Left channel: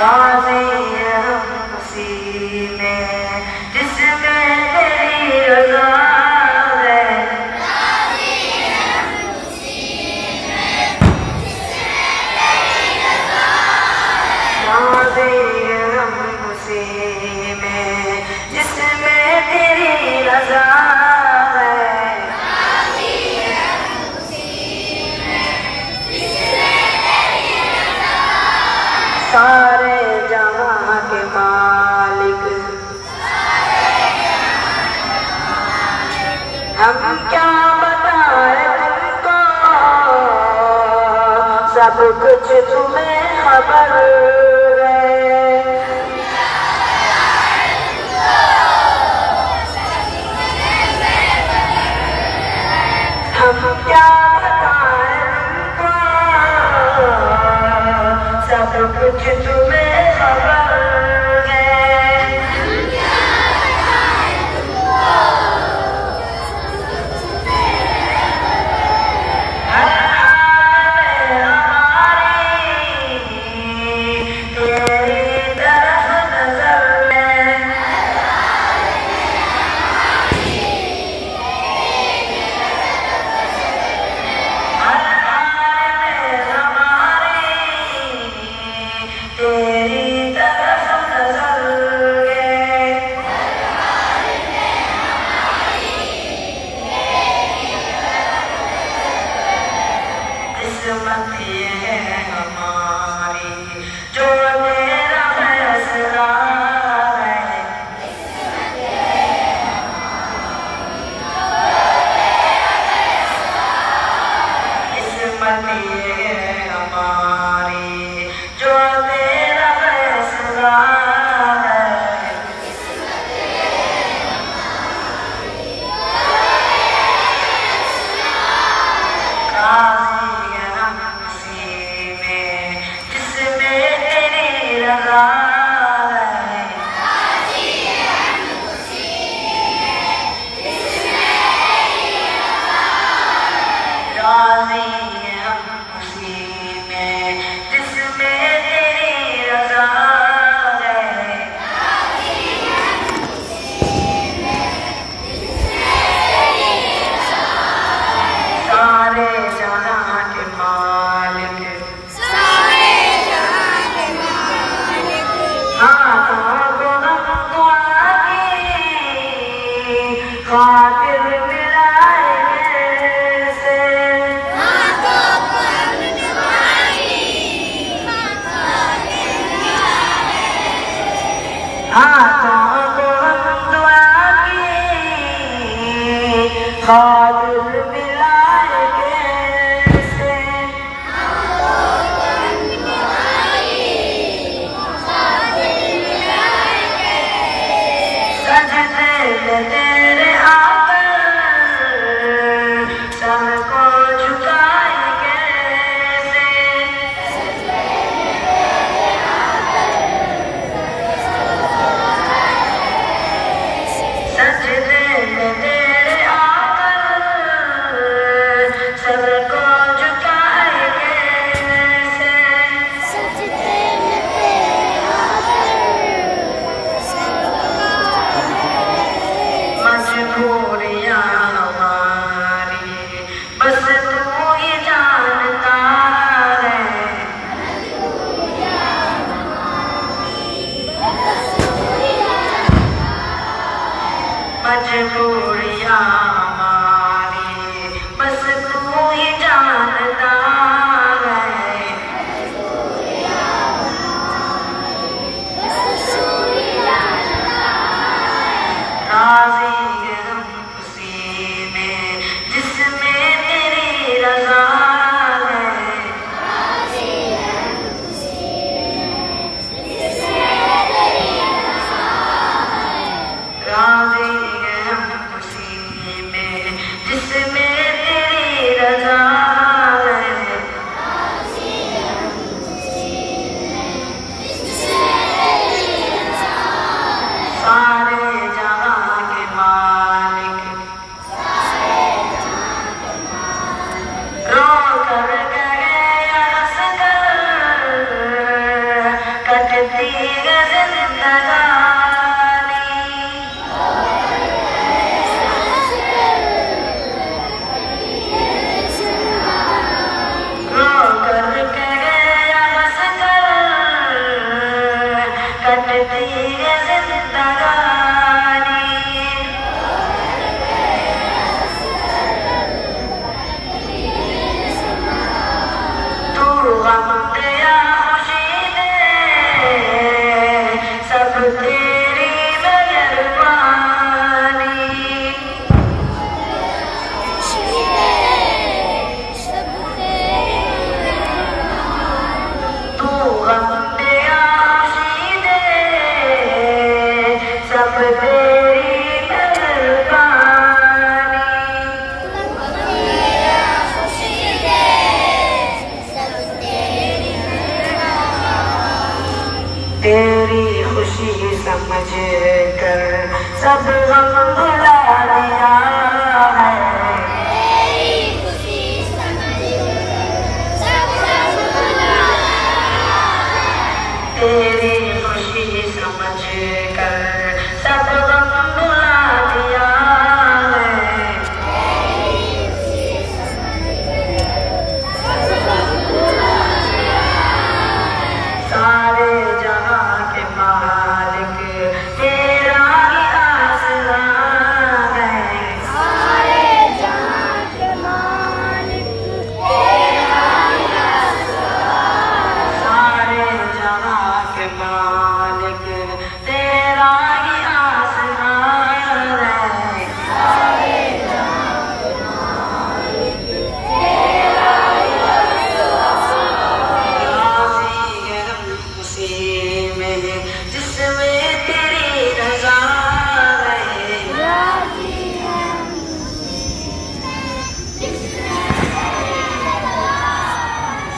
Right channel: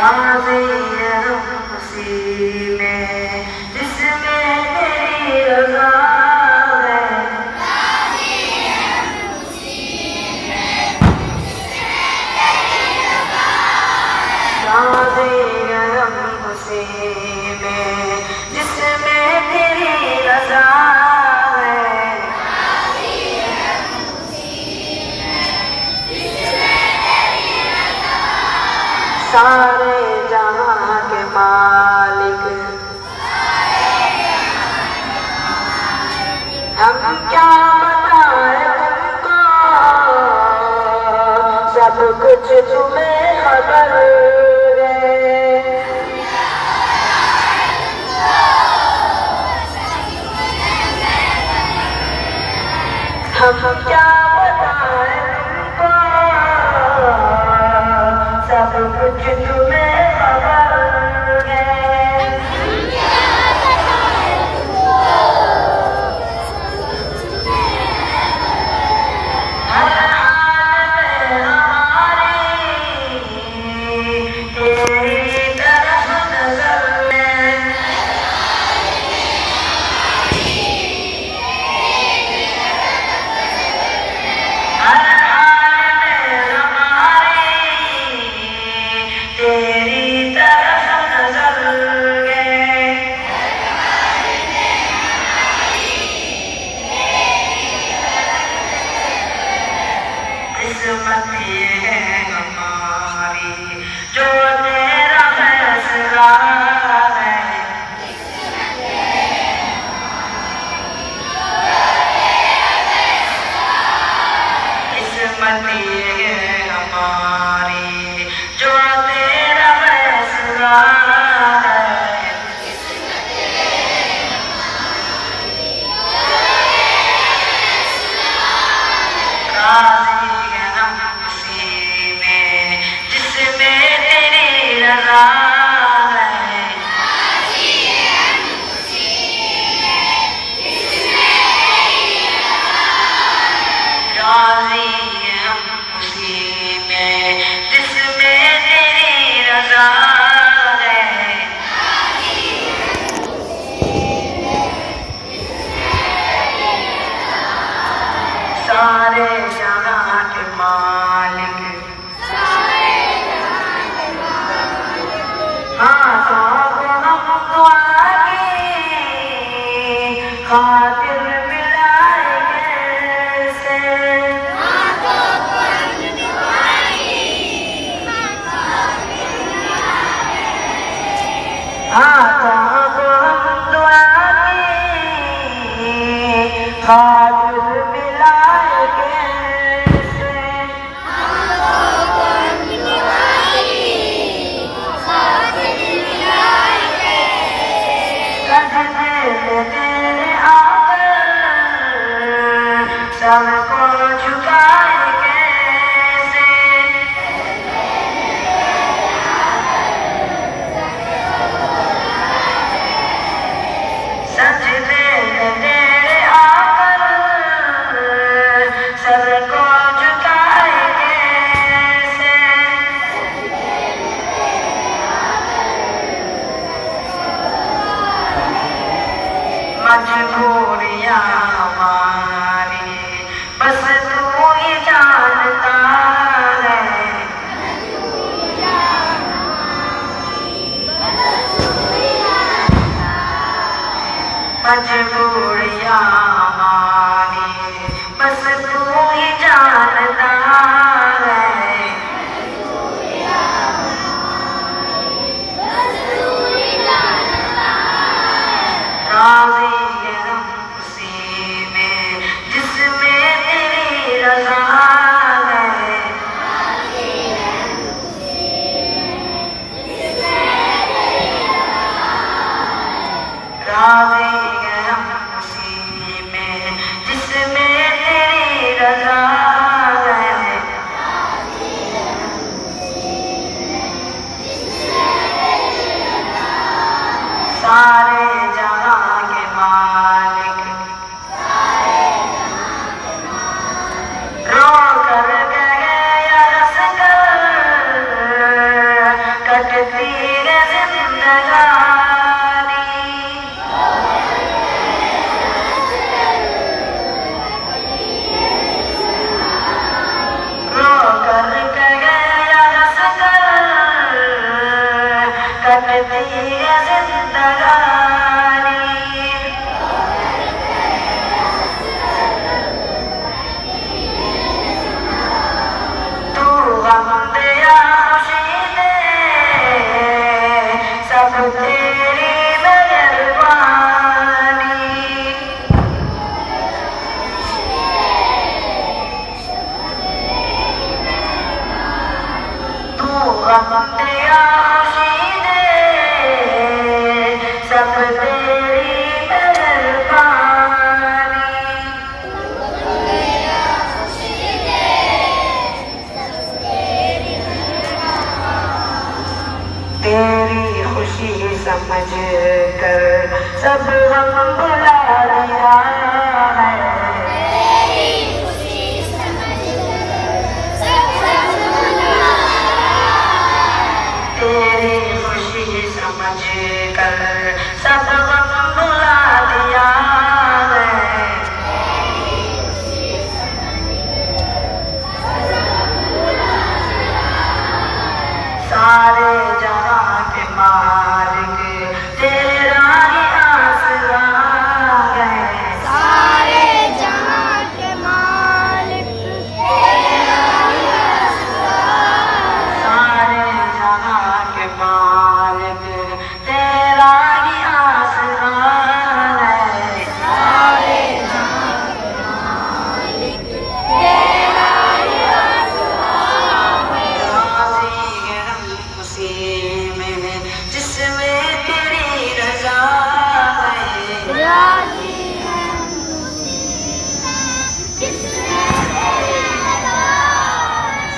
राज़ी है हम उसी में जिसमें तेरी रज़ा है। राज़ी है हम उसी में जिसमें तेरी रज़ा है। राज़ी है हम उसी में जिसमें तेरी रज़ा है। राज़ी है हम उसी में जिसमें तेरी रज़ा है। सारे जहां के मालिक, हम क्या बताएं तुमको, सब कुछ तुम्हें खबर है। हम क्या बताएं तुमको, सब कुछ तुम्हें खबर है। हर हाल में हमारी तेरी तरफ नजर है। हर हाल में हमारी तेरी तरफ नजर है। किस्मत ये है हमारी जो तेरा फैसला है। किस्मत ये है हमारी जो तेरा फैसला है। राज़ी है हम उसी में जिसमें तेरी रज़ा है। राज़ी है हम उसी में जिसमें तेरी रज़ा है। राज़ी है हम उसी में जिसमें तेरी रज़ा है। राज़ी है हम उसी में जिसमें तेरी रज़ा है। सारे जहां के मालिक, हाथों को हम दुआ की खातिर मिलाएंगे से। हाथों को हम दुआ की खातिर मिलाएंगे से। सजदे में तेरे आकर सर को झुकाएंगे से। सजदे में तेरे आकर सर को झुकाएंगे से। मजबूरियां हमारी बस तू ही जानता है। मजबूरियां हमारी बस तू ही जानता है। राज़ी है हम उसी में जिसमें तेरी रज़ा है। राज़ी है हम उसी में जिसमें तेरी रज़ा है। राज़ी है हम कटती है जिंदगानी रो कर गए या हंस कर कटती है जिंदगानी तू गम दे या खुशी दे सब तेरी मेहरबानी तू गम दे या खुशी दे सब तेरी मेहरबानी तेरी खुशी समझ कर सब गम भुला दिया है तेरी खुशी समझ कर सब गम भुला दिया है सारे जहां के मालिक तेरा ही आसरा है सारे जहां के मालिक तेरा ही आसरा सारे जहां के मालिक तेरा ही आसरा है सारे जहां के मालिक तेरा ही आसरा राज़ी गम खुशी में जिसमें तेरी रज़ा है राज़ी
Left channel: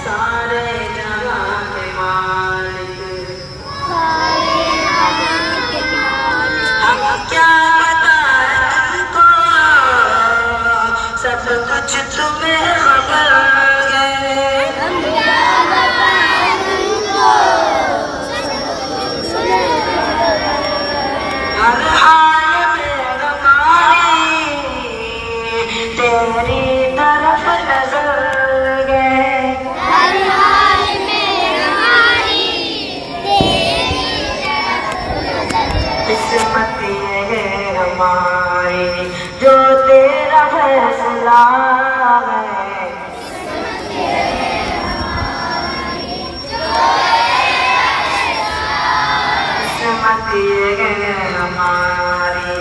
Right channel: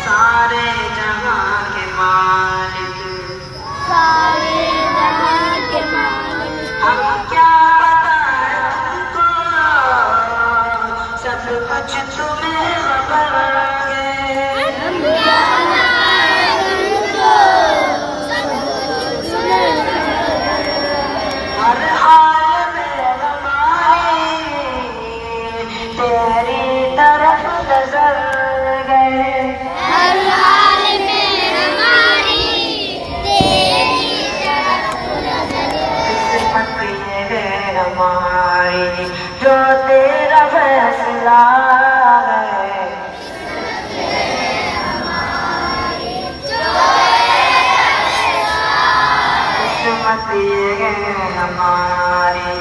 सारे जहां के मालिक सारे जहां के मालिक हम क्या बताएं तुमको सब कुछ तुम्हें खबर है हम क्या बताएं तुमको हर हाल में हमारी तेरी तरफ नजर गए हर हाल में हमारी तेरी तरफ नजर किस्मत ये है हमारी जो तेरा फैसला है किस्मत ये है हमारी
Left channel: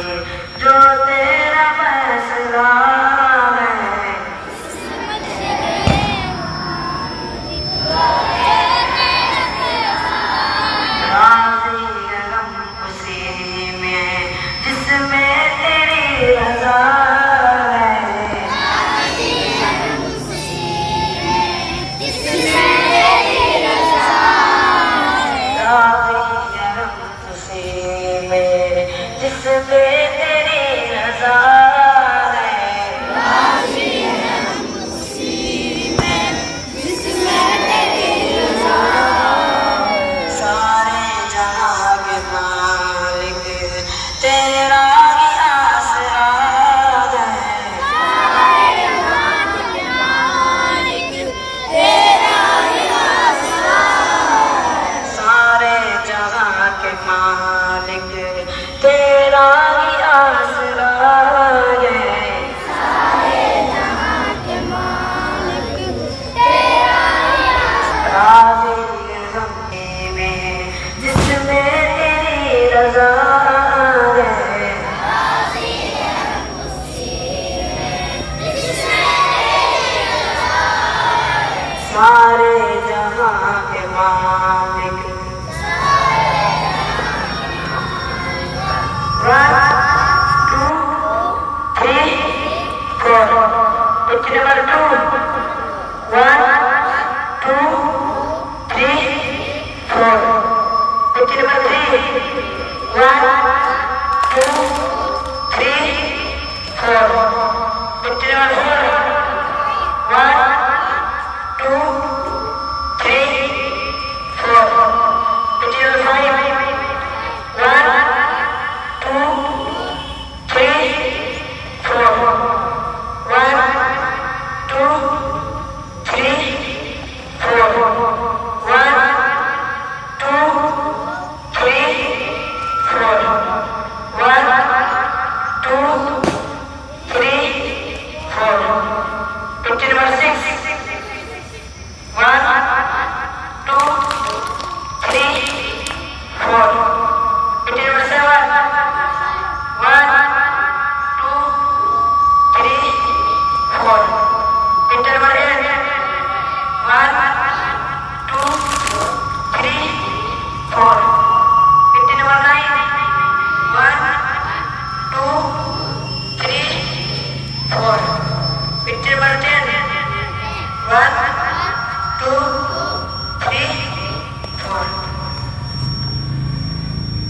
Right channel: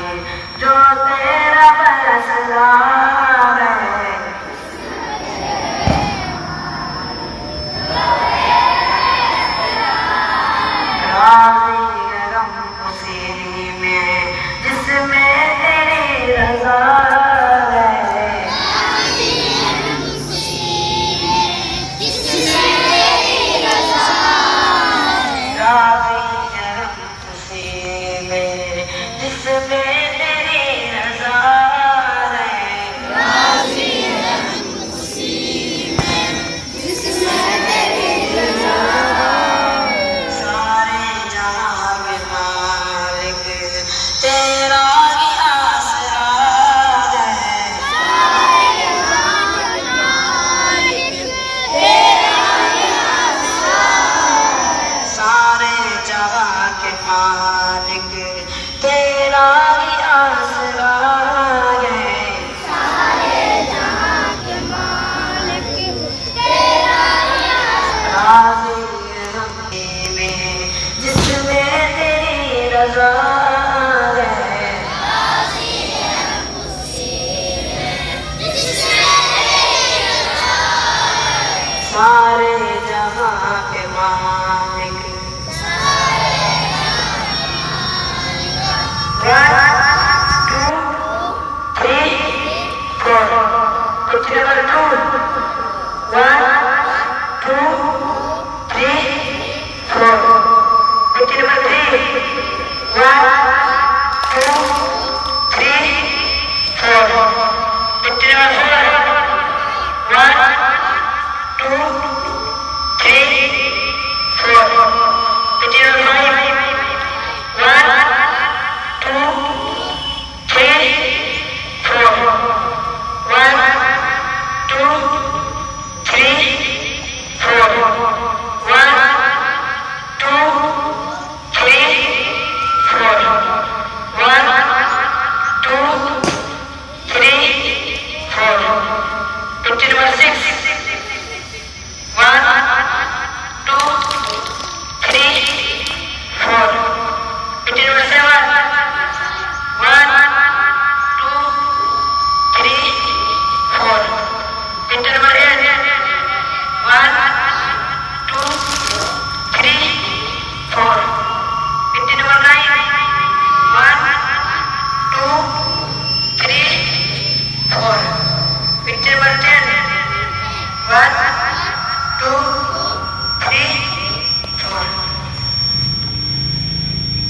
जो तेरा फैसला है राज़ी गम खुशी में जिसमें तेरी रज़ा है राज़ी गम खुशी में जिसमें तेरी रज़ा है सारे जहां के मालिक तेरा ही आसरा है सारे जहां के मालिक तेरा ही आसरा है राज़ी गम में जिसमें तेरी रज़ा है सारे जहां के मालिक Page number 2. 1, 2, 3, 4. Page number 3. 1, नीचे बढ़ते 1 2